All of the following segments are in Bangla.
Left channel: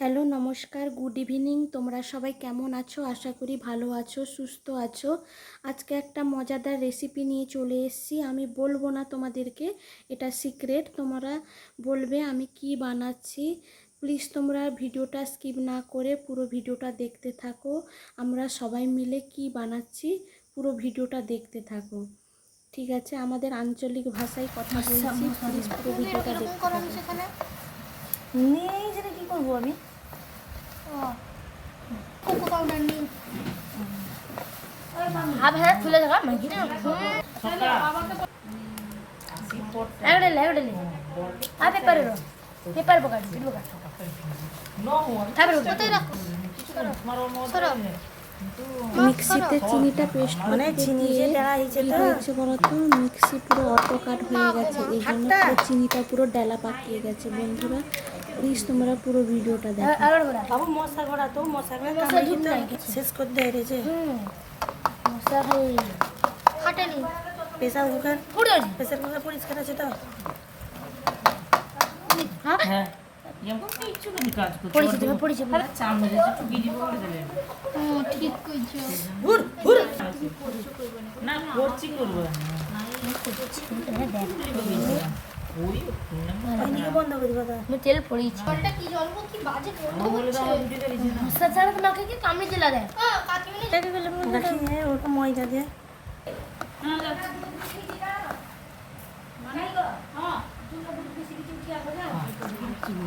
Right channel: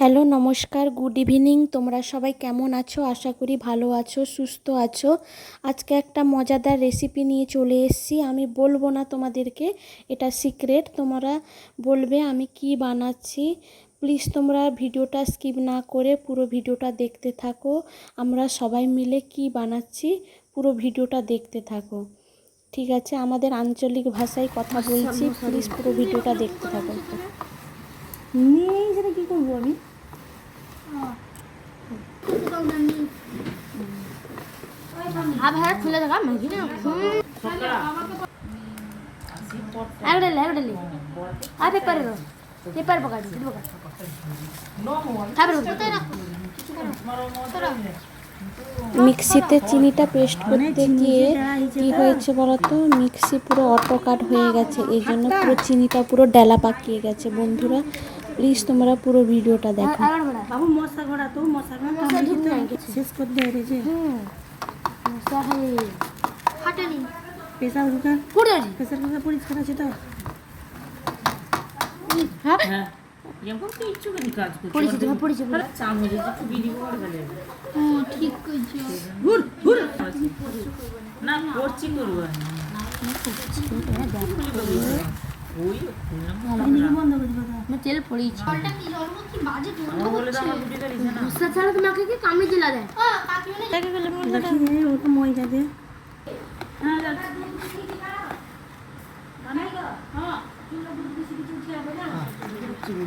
হ্যালো নমস্কার গুড ইভিনিং। তোমরা সবাই কেমন আছো? আশা করি ভালো আছো সুস্থ আছো। আজকে একটা মজাদার রেসিপি নিয়ে চলে এসেছি। আমি বলব না তোমাদেরকে এটা সিক্রেট তোমরা বলবে আমি কি বানাচ্ছি? প্লিজ তোমরা ভিডিওটা স্কিপ না করে পুরো ভিডিওটা দেখতে থাকো। আমরা সবাই মিলে কি বানাচ্ছি পুরো ভিডিওটা দেখতে থাকো। ঠিক আছে আমাদের আঞ্চলিক ভাষায় কথা বলছি। প্লিজ পুরো ভিডিওটা দেখতে থাকো। নেই সেটা কি করব আমি? খুলে মিক্সিতে চিনিটা পেস্ট মানে করতে গিয়ে কি তা? হয়েছে বলতো মিক্সি পুরো অটো কাট হয়ে গেছে এই জন্য পুরো চিনিটা পুরো ডেলা পাকিয়ে গেছে বন্ধুরা। প্লিজ তোমরা পুরো ভিডিওটা দেখো। আবার বড়া বাবু মশা গোড়া তো মশা গোড়া কামড়ে তো শেষ করে দেয় রে যে। হুম। মশা খাই ফাটেনি প্রেসার কুকার পুড়ে প্রেসার কুকার পরিষ্কার আছে তো? হ্যাঁ? তো কাজ করছি চামচ একটু করে গেলে হুম ঠিক কইছো। না করব। করে দিবা আমি তেল পড়েছি। জলটা কি জল কি বাজে আমার বলে তো আমার দুটো দিছে না মশা ছাড়া তোমাকে কি কামড়ে দিলা দেয় কাকিমনি দেখি রে ওটা ময়দা দিয়ে সুট পেপারটা কি আমাকে কেউ কয়নি ওখান দিয়ে আমি জানি না হাতে পড়েছে আদাকে চুকিয়ে কি নখ কাটছিস কেন কোনোদিন দেখলি না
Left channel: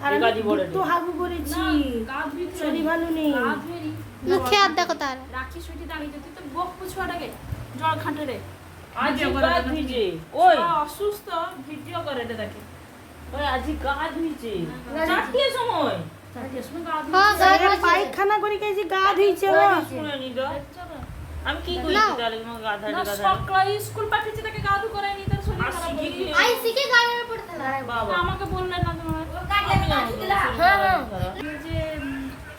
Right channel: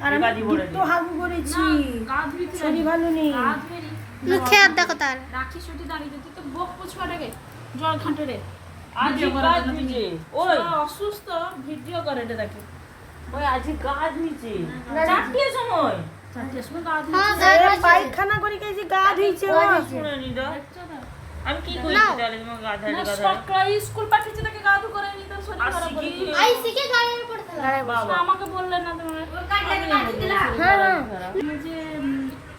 আর আমি দুটো হাগু করেছি শরীর ভালো নেই। মুখে আর দেখো তার রাখি সুটি দাঁড়িয়ে তুই তো বক পুছুয়াটাকে জল ঘাঁটে রে আজ গা ধুইছে ওই। অসুস্থ ভিডিও করে রে দেখে। ওই আজ গা ধুইছে। চারটের সময় হ্যাঁ, এ পায়খানা করে গা ধুইছে ও। শুনেনি তো আমি কি করেছি তাহলে তোমার গা ধারে গা সকালে স্কুল পাঠিয়েছে তাকে গা ধু করে নি তার শরীর খারাপ বলে আই শিখে উপর বাবা। আমাকে বললেন না তোমার? আমি যে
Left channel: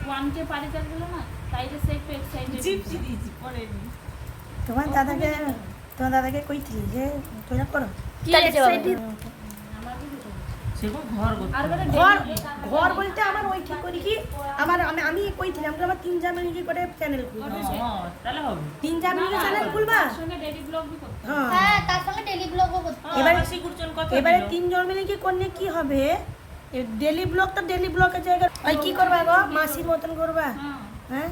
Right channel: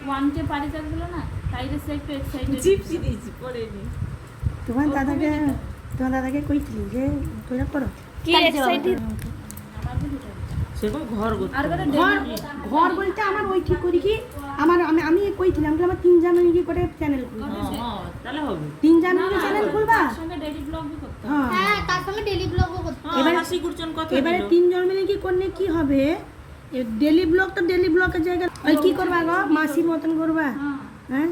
ওয়ান টে পারি না তাইরে সে একটু এক্সাইটেড চিপসি দিয়েছি পড়েনি। তোমার দাদাকে তোমার দাদাকে কইছিলি যে তোরা করো। কি এক্সাইটেড সেরকম ঘর ঘর ঘর বলতে আমার ওই ঠিক করি কি? আমার আমি আমি কইছিলাম আমার তিন জানুয়ারি কি করে চ্যানেল হ্যাঁ, হ্যাঁ, তাহলে হবে। তিন জানুয়ারি চ্যানেল খুলবা? সঙ্গে ডেইলি ব্লগ করতে হ্যাঁ। হ্যাঁ তার সঙ্গে ডেলি ব্লগও করতে হ্যাঁ, এবারে- কথা মিলে কি করলে কি হবে? ডেলি ব্লগ তো ডেলি ব্লগের জায়গায় ওই কি করবা গো? মাসির মতন করবা? হ্যাঁ। হ্যাঁ?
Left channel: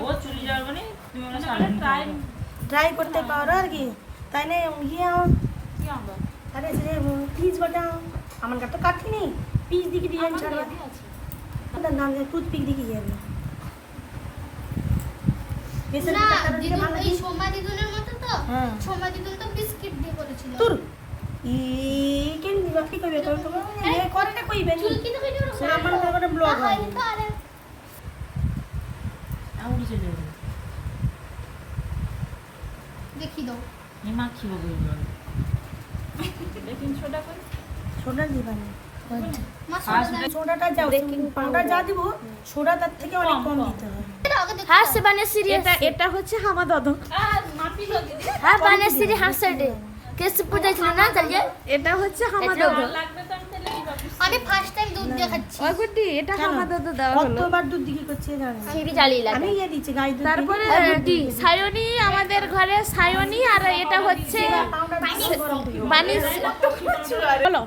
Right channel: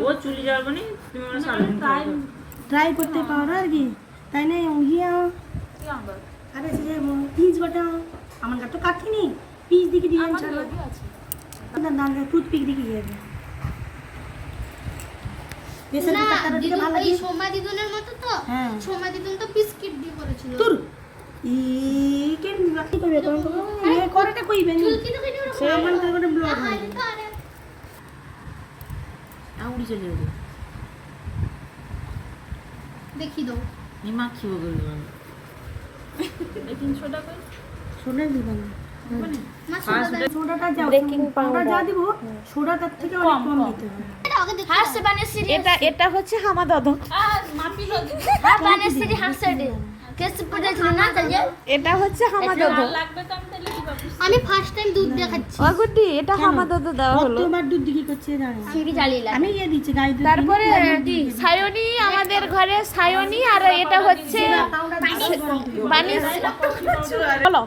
ও চুরি মানে তুমি ট্রাই ট্রাই করতে পারো আর কি। তাই না ইয়ে কি আবার আরে সে পিস বাটা আমার কাছে কাটিনি পিস দিকে দিয়ে আমার ছাড়া আছে। না না দিকে যাবে না দিকে দিদুন এই সোমা দিদুনের মতো তো। সোমা দিদুন তো বিস্কিট দিয়ে করেছিল। তোর ই কেন বাকি কইবে তুমি তো এ কইবে? নি তো তার করে ব্লগ হয় হয় তো আরে। আউড়ি চলে যাবে। দেখি দাও। নি মাখিব গেল এই তিনশোটা কই? সোডা দিবা না? এটা এটা হচ্ছে হামাদদ আর মাপি লগ আর বানে সিরি হাসে দে কেসে পুজে দিলে না তাহলে এটা হচ্ছে হামাদদ লাগবে তো আমি কি আমি ফার্স্ট টাইম দুধ দিয়ে খাচ্ছি। অগুটি এটা দেওয়া হলো। কতবার দুধ দিকে করছে জানো? সিরি জ্বালিয়ে লাগে আমি ইয়ে দিচ্ছি গাই দুধ তারপরে সায়নি আমাদের ঘরে সায়নি আর এটা হচ্ছে বানিস। বলো।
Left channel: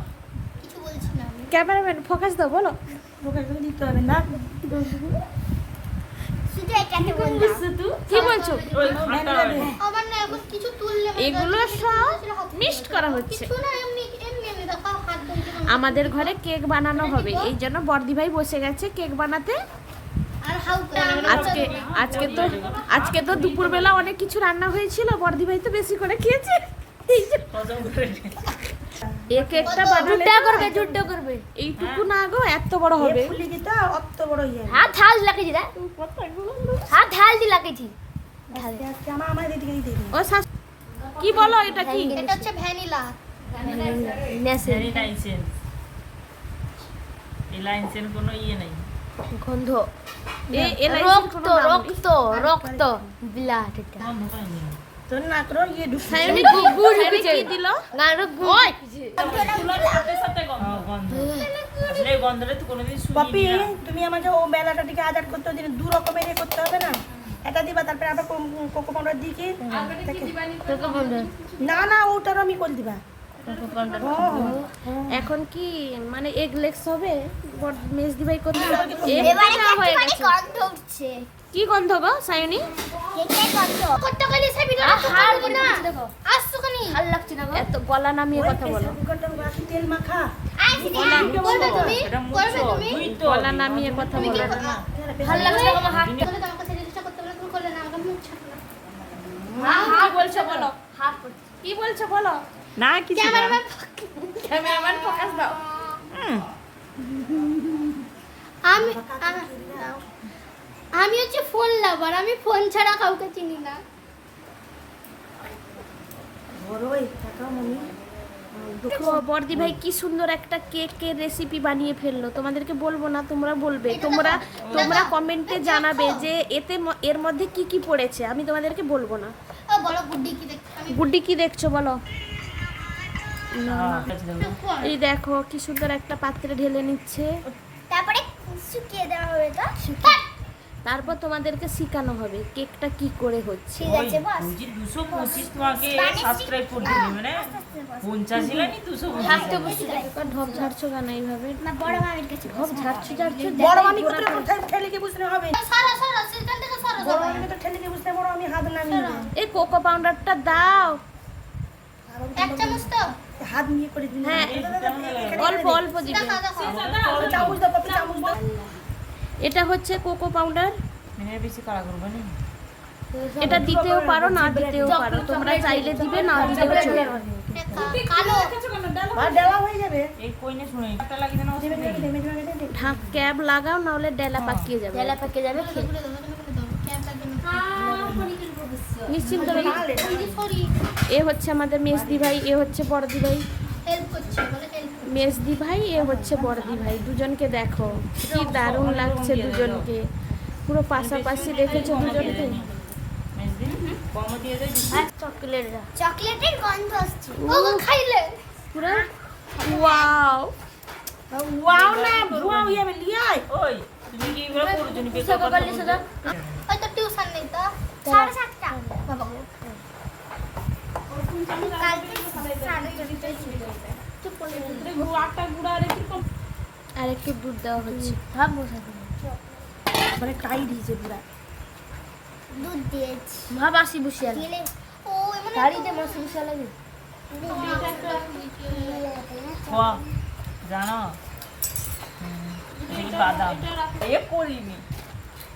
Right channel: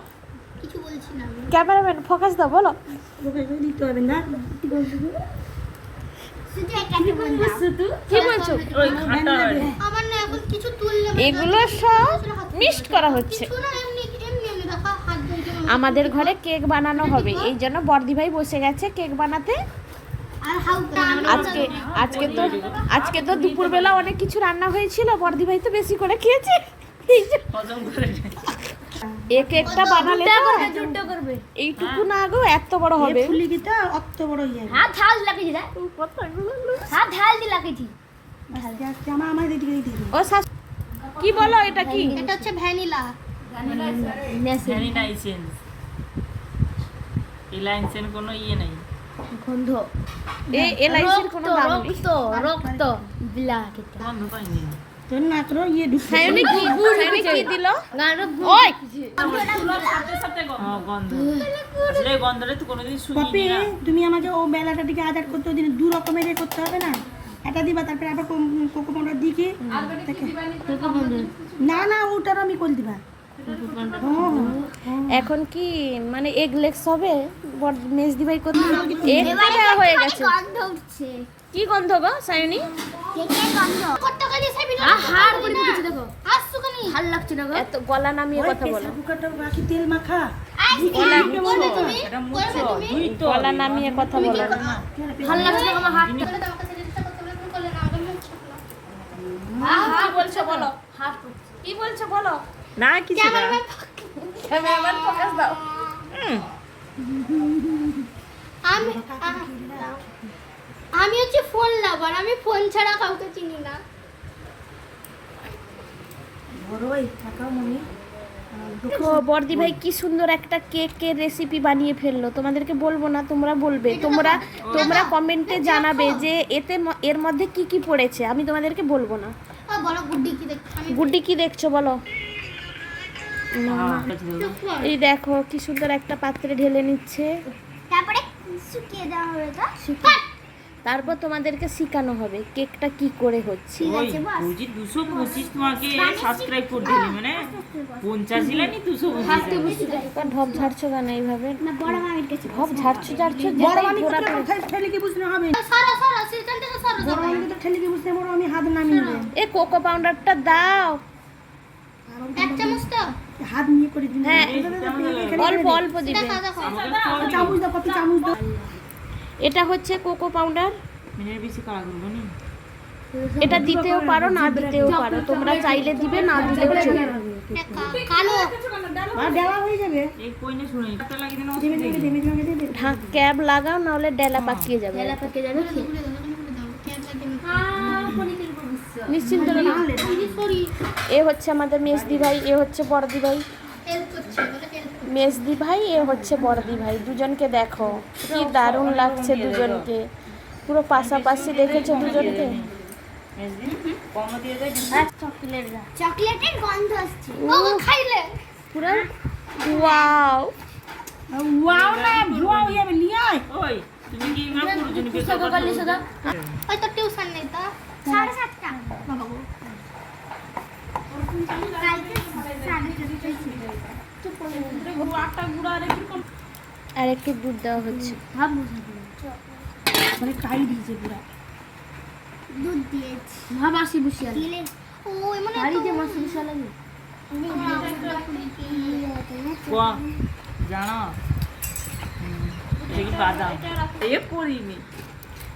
কিছু বলছি না আমি। ক্যামেরাম্যান ফোকাস দাও বলো। দিতে হবে না। কি বলছো? এগুলো সব মিক্সড করা হচ্ছে কিছু না এমনি এমনি এমনি দেখো হাত ধরে আমাদের ঘরে কেক বানানো হবে। এই জন্য বর্দি ভাই বসে গেছে কেক বানাতে। আজকে আজকে তো আজকে তো দুপুরবেলা অনেক কিছু রান্না হয়েছিল বর্দি ভাই তো বেশি করে খেয়েছে। বানালে এইটুকু না গো এত বড় হবে। অত বড় ইয়ে দি। ও কি বলো এটা কি? এটা হচ্ছে ভ্যানিলা। ভ্যারি লাইসেন্স এই লাইসেন্স কোনো ইয়ে নাই গন্ধ এ এলআইসির রক্ত কোনো দাম নেই রক্ত রক্ত বিলা কেকটা গন্ধ পাইনি তোর না করো ঢুকছে সায়নি কি সায়নি কি দিল গানের ওই সাথে সাথে গন্ধ। আসলে গন্ধটা তো কোনোদিন না তুমি আমাকে ও বেলাটা দিকে আজাদ করতে দিন দু রকমের ইয়ে করতে হবে না? এটা দিবা তারপরে আবার কোকো পাউডার দিকে? না না ওটার আমি করে দিবা। এখন কি মানে এগলেক্স হবে? বড় মেজ দিবাই করতে এগ দেওয়া হয়ে গেছে। গন্ধ উঠছে। কি গন্ধ গো সায়নি? করে দেখো। ভালো লাগছে না গো। এত গলা নামিয়ে কথা বলো। বাকি তেল মাখা। গলা নামিয়ে কথা বলো। ভালো লাগছে না হাত? বলছো বলো। হাত কি বলছো বলো? না কিছু না। ক্যামেরাম্যান ফোকাস দাও। আমি আমি হচ্ছে ফোন লাভার আমি ফোন ছাড়া কাউকে চিনি না। দেখো বর্দি ভাই কি সুন্দর একটা কেকের রেসিপি বানিয়ে ফেলল। তোমাদেরকে বলব না তোমরা বলবে। তোমরা তোমরা কমেন্টে জানাবে যে এতে এর মধ্যে কি কি পড়েছে। আমি তোমাদেরকে বলব না। বলো গুড্ডি কি দেখছ? আমি গুড্ডি কি দেখছ বলো। এই দেখো কি সুন্দর একটা পাত্রে ঢেলে নিচ্ছে। তারপরে শুকিয়ে দেওয়া হবে তো? তারপর তোমাদেরকে শেখানো হবে কেকটা কি করে হচ্ছে। দুশো পঁচিশ তোমাকে সাবস্ক্রাইব করে দিলি মানে পঞ্চাশ ইলানি দুশো ঢপ ঝাড়ছো কেন এইভাবে? না বড় মামির কাছে ঢপ ঝাড়ছো ঝাড়ছো এ কোকো পাউডারটা দাও। এক চামচ তো। হাত নিয়ে করে দিন। হ্যাঁ। অল্প অল্প দিবে। চামচ দাও চামচ দাও। এটা হচ্ছে কোকো পাউডার। বেশি কারা করব না? এটা দিতেও পারো না দিতেও পারো। তোমরা চাইলে দিবে না দিলেও চলবে। হয়ে ঢাক ক্যাব লাগাও নাহলে ডেলা পাকিয়ে যাবে। বেলা পেকে যাবে। নিশ্চিন্ত এ হচ্ছে আমাদের মেজদি ভাই এ হচ্ছে বড়দি ভাই। মেজদি ভাই এ হচ্ছে বড়দি ভাই। দুজনকে দেখো কি দারুণ লাগছে দুজনকে। পুরো পাশাপাশি রেখেছে দুজনকে? কম দিয়ে দেয় চকলেট চকলেটের গন্ধ আসছে ও। ও খাইলে পুরো ওয়াও ওয়াও না বুয়াও ইয়ে লিয়াই ওই তুমি কি এগুলো করছ টিউশন নেই তো সাড়ে সাতটা। আর একটু দুধ দেওয়া হচ্ছে। মানে টাইট হয়েছে পুরা দুধ দিয়েছি। ভাব আসি বসে দিলে ও এমন বাড়িতে মশলা মশলা জানো? বাদাম। এ করিনি।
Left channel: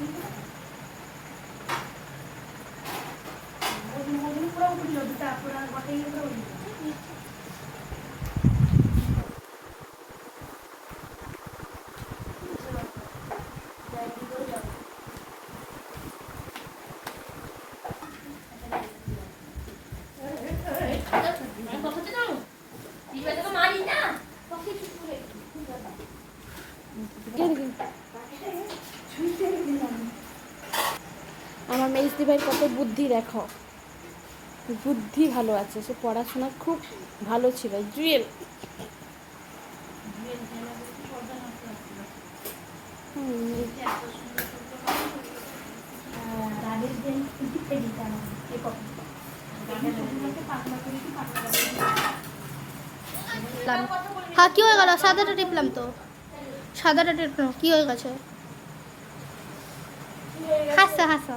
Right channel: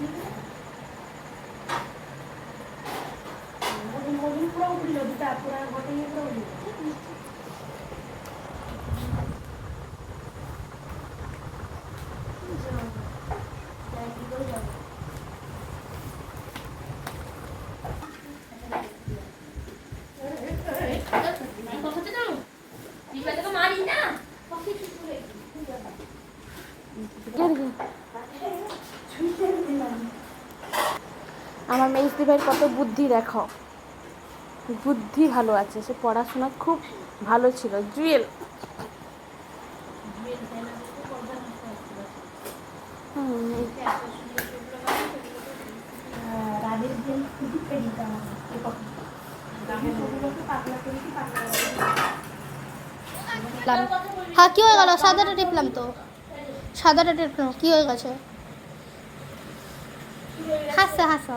দিব কাগজটা দিয়ে আমার মেজদি ভাইয়ের কত বুদ্ধি দেখো। বুদ্ধি ভালো আছে, সে পড়াশোনা খুব ভালো ছিল। জুয়েল। হ্যাঁ কি হয়ে গেল? সাদাটা টিপলাম তো। সাদাটা টিপলাম। কি হয়ে গেছে? হাসো হাসো।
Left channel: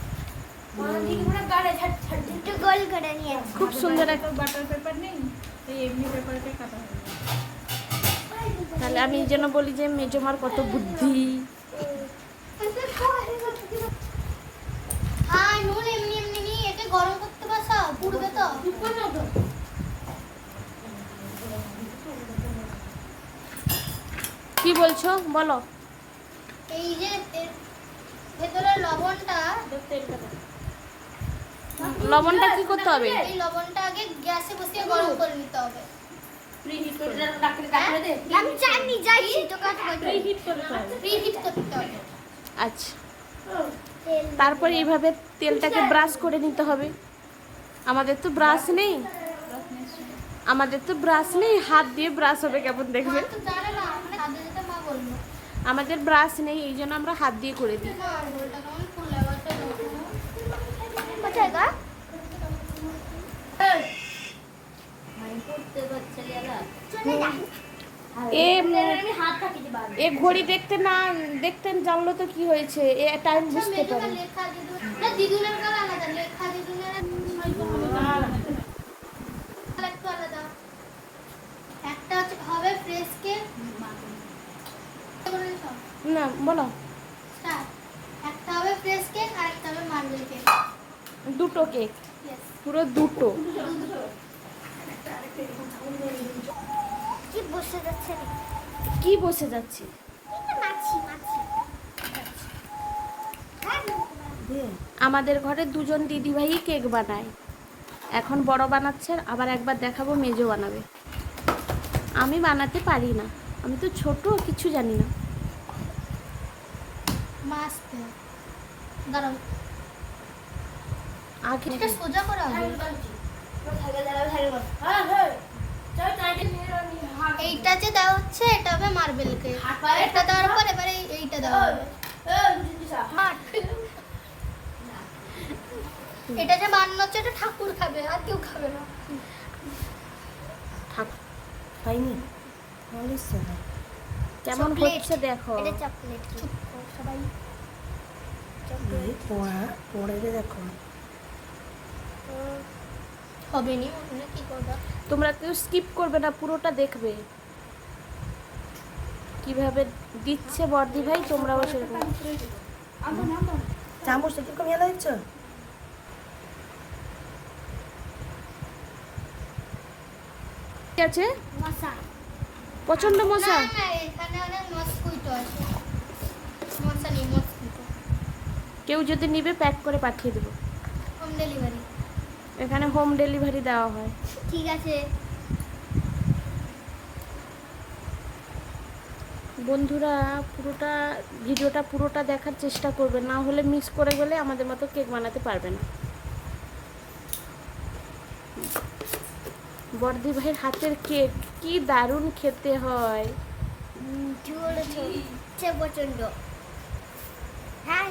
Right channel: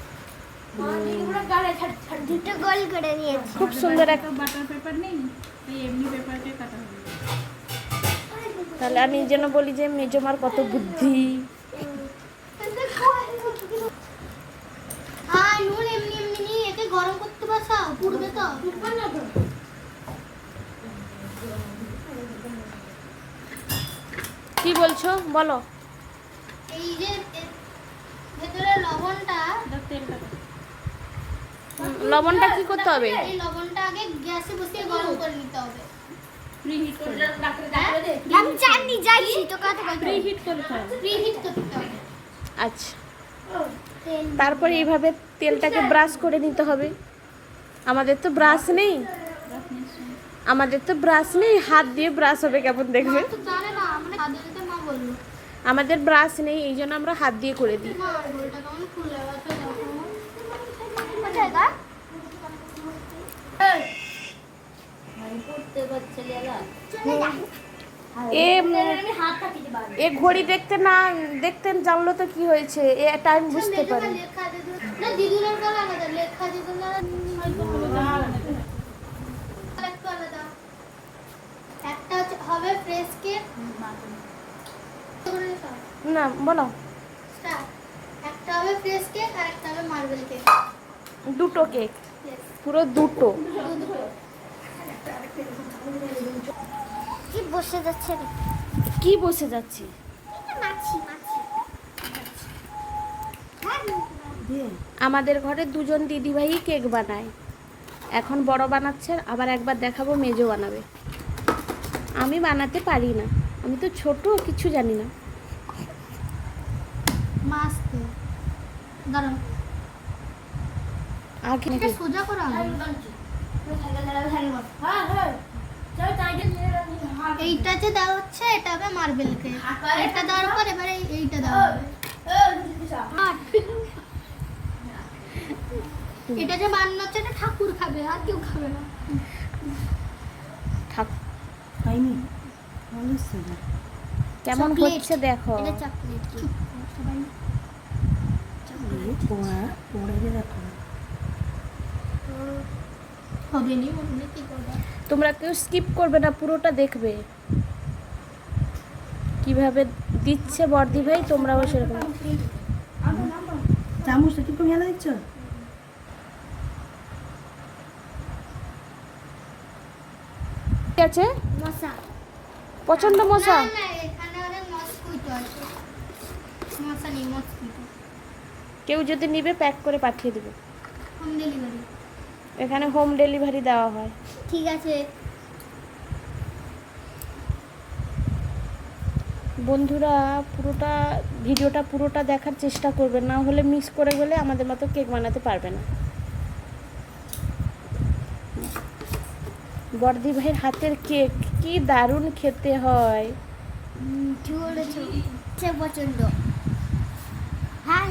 দুটো গোল করে নিয়েছি। খুব সুন্দর এক বাটার পেপার নেই? এই এমনি পেপারটাই কাটা হবে তাহলে আমি এই জন্য বলি যে মেজমার কত বুদ্ধি। হ্যাঁ নুন এমনি এমনি নিয়ে গরম করতে বসাও পুড়বে তো। কি বলছো? বলো। এই যে ভেতরে লবণটা তেলটা লবণটা কি করতে হবে? এই লবণটা আগে গ্যাসে বসিয়ে গরম করে নিতে হবে। প্রিহিট করে আমি জানি যাচ্ছি তো কথা প্রিহিট করতে হবে। প্রিহিট করতে হবে। আচ্ছা। তারপরে এইভাবে তেলটাকে ব্রাশ করে নিতে হবে। আমাদের তো ব্রাশ নেই। আমাদের তো ব্রাশ নেই। হাত দিয়ে ব্রাশ হবে কেমন দেখবে? মানে আমাদের ব্রাশ নেই এই জন্য আমরা হাত দিয়ে করে দিই। এ এ ঘড়ি দেখতে না দেখতেন জানলো তো কি হয়েছে। এ টাইম বুঝতে পারে না দিদুনের আলাদা লেখা দিদুনের একটা হচ্ছে হবে ফ্রেশ কেক না বলো। একটা হবে ফ্রেশ কেক আর একটা হবে মার্বেল কেক দুটো কেক। পুরো দুটো। কি বসে যাচ্ছে? কি বসে যাচ্ছি? মাছি মাছি। আমাদের ঘরে দুজন দিদিভাই কেক বানায়। এখন বড় বানাচ্ছে আবার একবার দেখাবো মেজো বানাবে। আমি বানাতে পারি না। আমি তো ছোট কিছু জানি না। মাস্ক দাঁড়াও। আগে এটা সোজা করা এইটা যে দেওয়া হচ্ছে এটা হবে মার্বেল কেক এটা দেওয়ার পর এবারে এইটা দেওয়া হবে। এটা যে বানানো হচ্ছে এটা ঠাকুর খাবে আর কেউ খাবে না। কেমন হচ্ছে দেখো। এটা চকলেট সবাই পড়া পড়ে দেখো। হবে নি কি করবা? তোমরা কেউ স্কিপ করবে না পুরোটা দেখবে। কীভাবে দিচ্ছে বর্দি ভাই তোমরাও সেরকম। চামচ কম হেলা দিচ্ছ ঠিক আছে? মশা। প্রচণ্ড মশা? কেউ যদি নিবে প্যাক করে পাঠিয়ে দেবো। হোম ডেলিভারি এখানে হোম ডেলিভারি দেওয়া হয় ঠিক আছে বন্ধুরা পুরোটা ভিডিওটা পুরোটা দেখার চেষ্টা করবে না হলে মিস করে গেলে আমাদের মতো কেক বানাতে পারবে না বর্দি ভাইয়ের হাতের কেক কি দারুণ খেতে হয় কি বলেছ প্রচণ্ড হ্যাঁ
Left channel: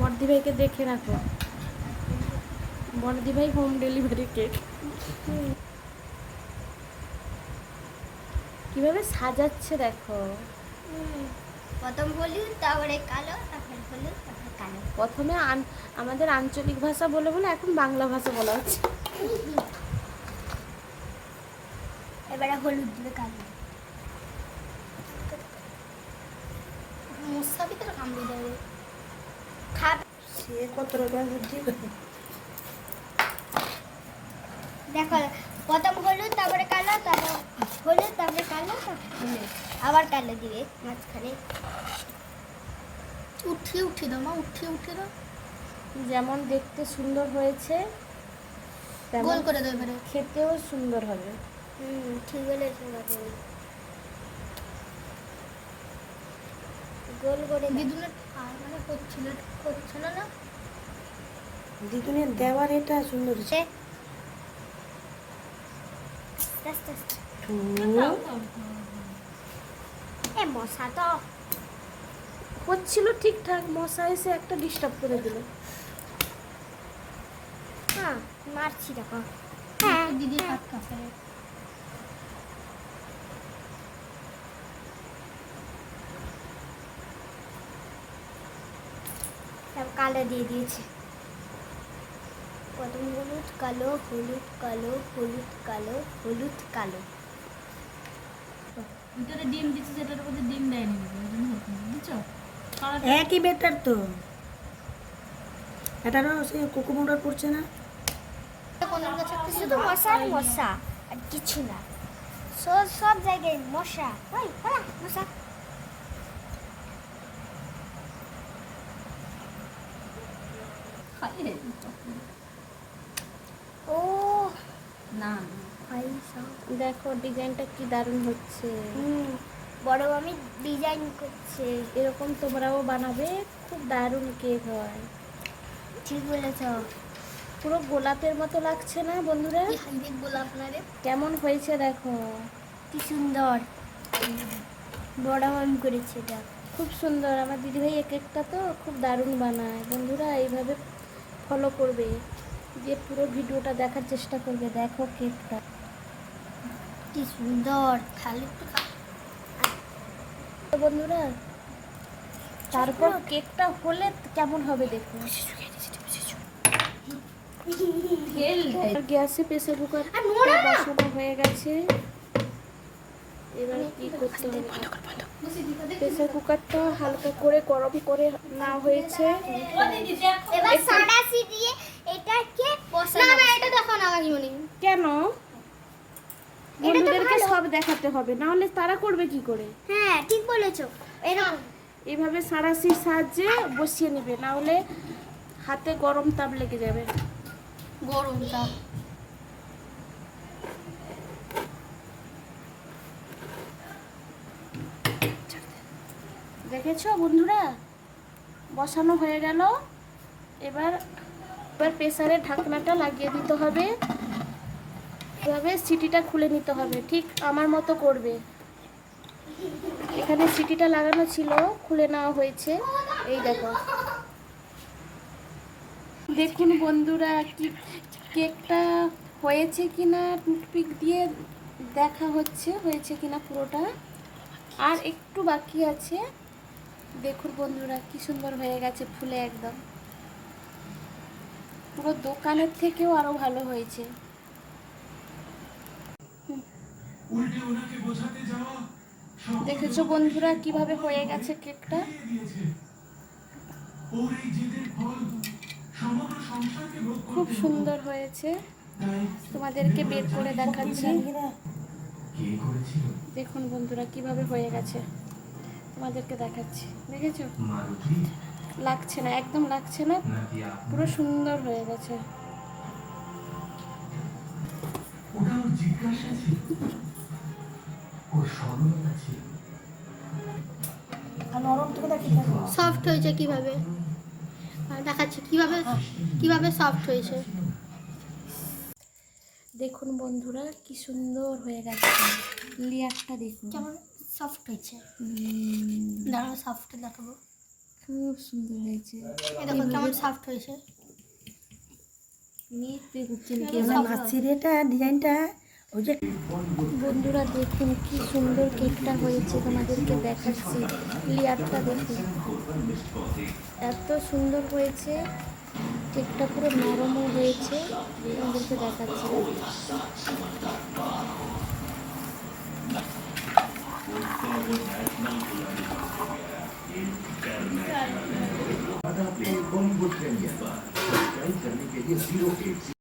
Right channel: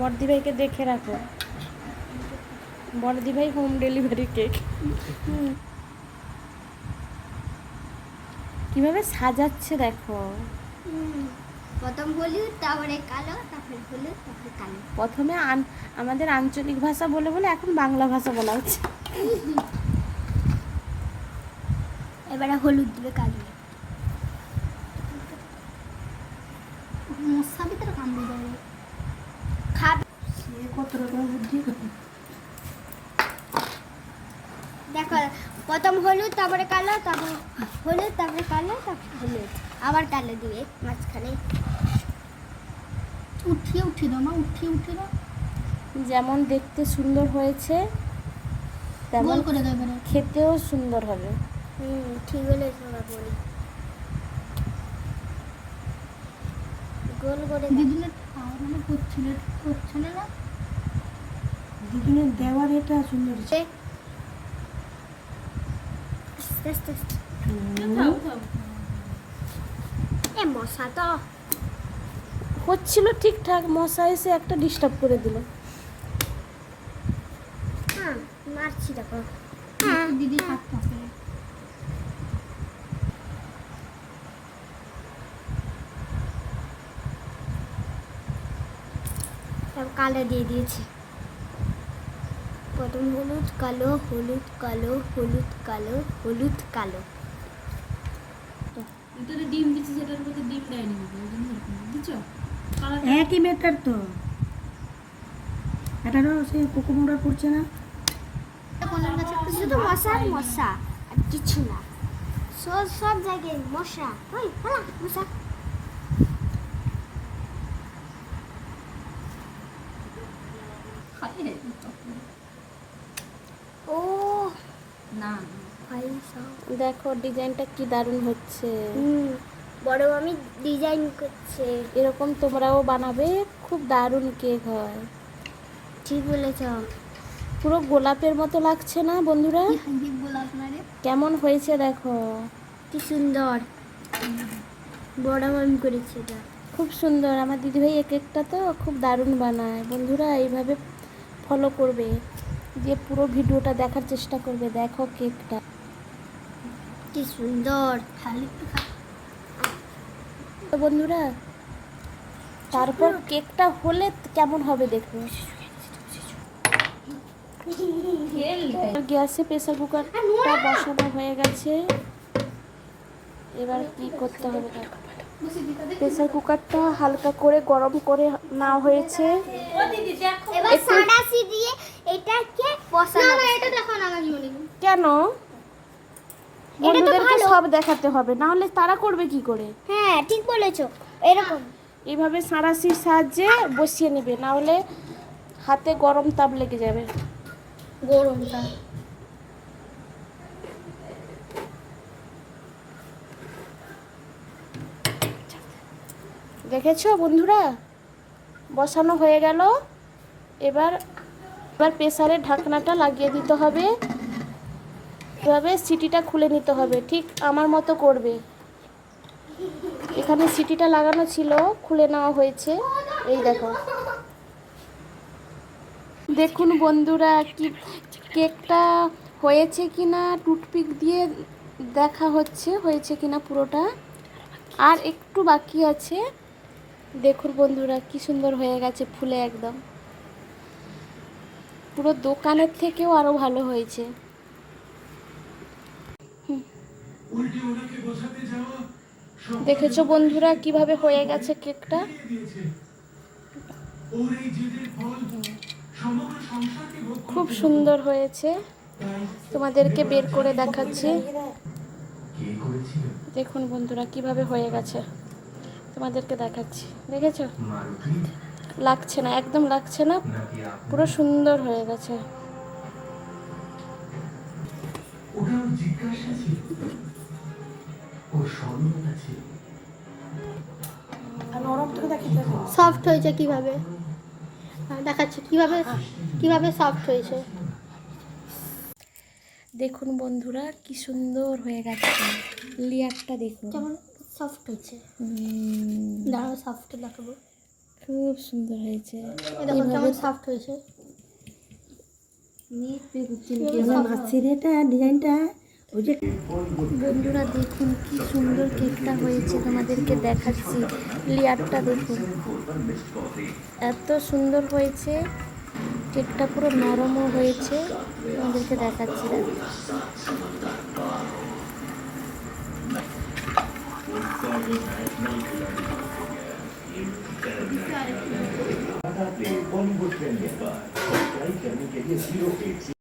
বর্দি ভাইকে দেখে রাখো। বর্দি ভাই হোম ডেলিভারি কেক কীভাবে সাজাচ্ছে দেখো। প্রথম হলুদ তারপরে কালো তারপরে হলুদ তারপরে কালো। প্রথমে আমাদের আঞ্চলিক ভাষা বলে বলে এখন বাংলা ভাষা বলা হচ্ছে। এবারে হলুদ দিবে কালো মশা ভিতরে কামড়ে যাবে খাবে সে কত রকমের বুদ্ধি দেখো প্রথম হলুদ তারপরে কালো তারপর হলুদ তারপরে কালো তারপরে হলুদ। আবার কালো দিবে মাঝখানে। উঠিয়ে উঠিয়ে দাও মা উঠিয়ে উঠিয়ে দাও। যেমন দেখতে সুন্দর হয়েছে গোল করে দাও এবারে। খেতেও সুন্দর হবে। হুম ঠিক বলেছ বাবু। গোল করে দিদুনের মানে করছিল করছিল না? দিদুনের দেওয়ার এটা সুন্দর এ মশা তো। হচ্ছিল ঠিকঠাক মশা এসে একটা ডিস্টার্ব করে দিল। হ্যাঁ মারছি দেখো। হ্যাঁ। দিদি কাছে দিয়ে দিয়েছি। প্রথম হলুদ কালো হলুদ কালো হলুদ কালো হলুদ কালো। ভিতরে ডিম দিচ্ছে সেটার মধ্যে ডিম দেয়নি বুঝছ? একই মেটার তো। এটারও সে কুকুমুন্ডার পড়ছে না। শুধু মশা আর মশা আর কিছু না। সব সব জায়গায় মশা। ওই পালা মশা ও না ভাই সব দেখো ডিজাইনটা কি দারুণ হচ্ছে। বড় আমি ডিজাইন করছে। এরকম তোমরাও বানাবে খুব দারুণ কেক হয়। ঠিক বলেছ। পুরো গোলাপের মতো লাগছে না বন্ধুরা? গোলাপ কেমন হয়েছে দেখো। কি সুন্দর। বড় আমি করেছে এটা। খুব সুন্দর আমার দিদিভাই এক একটা তো খুব দারুণ বানায়। বন্ধুরা এইভাবে ফলো করবে দিয়ে পুরো ভিডিওটা দেখার চেষ্টা করবে দেখো কেকটা। কি সুন্দর খালি তো বন্ধুরা তারপর কেকটা হলে কেমন হবে দেখো? গ্যাসে প্রেসার কুকারটা বসানো হয়ে গেছে। এবার কি করতে হবে? প্রেসার কুকারটা হালকা করে গরম করে হয়েছে। না মনে কেন? বন্ধুদেরকে সব দেখাতে হবে না হলে তারা করবে কি করে? হ্যাঁ ঠিক বলেছ এরকম। এইভাবে সাঁড়াশির সাহায্যে বসিয়ে নেবে না হলে হাতে গরম তাপ লেগে যাবে। গরমটা দেখেছ বন্ধুরা? বসানো হয়ে গেল। এবার এবার প্রেসারের ঢাকনাটা লাগিয়ে দিতে হবে। এভাবে সিটিটা খুলে নিতে হবে, ঠিক আমার মতো করবে। এখানে সিটিটা লাগানো ছিল, খুলে নেওয়া হয়েছে। এই দেখো। দেখুন বন্ধুরা, কি কেকটা হয়েছে কি না টুথপিক দিয়ে দেখা হচ্ছে, হয়েছে কি না পুরোটা। আর একটু বাকি আছে। দেখুন বন্ধুরা, কি সুন্দর হয়ে গেছে ফুলে একদম। পুরো দোকানের থেকেও আরও ভালো হয়েছে হুম। দেখেছ বন্ধুরা কীভাবে হয়ে গেছে কেকটা? খুব সুন্দর হয়েছে। তোমাদেরকে বের করে দেখাচ্ছি। দেখুন বন্ধুরা কীভাবে হয়ে গেছে। তোমাদেরকে দেখাচ্ছি। দেখেছ? লাগছে না একদম লাগছে না। পুরো সুন্দর হয়ে গেছে। সফট হয়েছে কীভাবে? দেখাচ্ছি কীভাবে কীভাবে সফট হয়েছে? দেখুন বন্ধুরা কি সুন্দর হয়ে গেছে। লেয়ারটা দেখুন। কেমন সফট হয়েছে। হুম, দাঁড়াও সফট দেখাবো। খুব সুন্দর হয়েছে। এই দেখো কেমন সফট হয়েছে। কেমন হাসির এটা ডিজাইনটা ওই যে বন্ধুরা দেখুন কি সুন্দর কেকটা হয়েছে তোমাদেরকে দেখাচ্ছি লেয়ারটা দেখুন এত সুন্দর হয়েছে কেকটা পুরো নরমও হয়েছে তোমাদেরকে দেখাচ্ছি দেখো। बॉलीवुड प्रीमियर पर सब्सक्राइब करने के लिए जीरो एट